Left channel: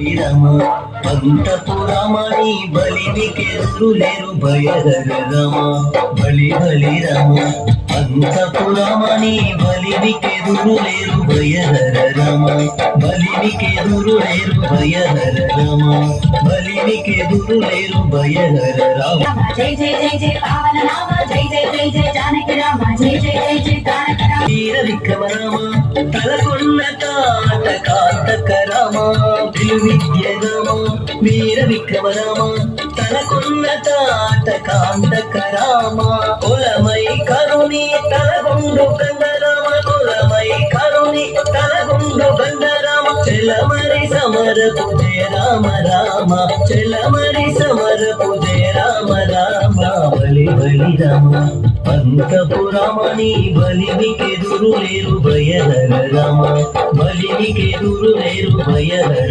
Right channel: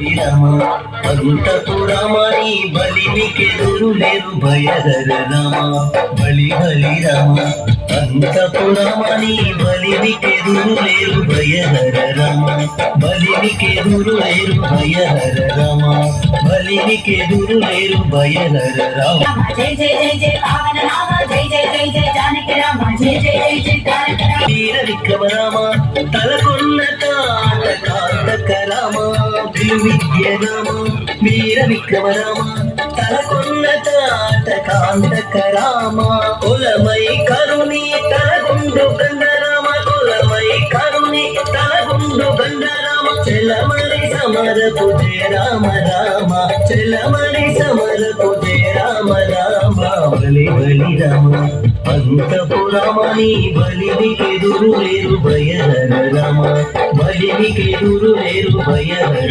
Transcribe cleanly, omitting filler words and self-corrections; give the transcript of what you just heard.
బలి రామ అంతపురామ నీ బలిమికెదురు లేరు భయహర రామ బలి రామ అంతపురామ నీ బలిమికెదురు లేరు భయహర రామ బలిమికెదురు లేరు భయహర రామ బలిమికెదురు లేరు భయహర రామ జై జై జై జై పావన రామ జై జై జై జై జానకి రామ జై జై జై జై తారక రామ వీర విక్రమ రామ తలకొన్న తాట కాటక రామ విద్య రామ వీర విక్రమ రామ తలకొన్న తాట కాంటక రామ కులమై కరుణి తలగుండు గండ రామ కులమై కరుణి తలగుండు గండ రామ చెలమరి సమరపు జయ రామ రామ చెలమరి సమరపు జయ రామ రామ బలి రామ అంతపురామ నీ బలిమికెదురు లేరు భయహర రామ బలిమికెదురు లేరు భయహర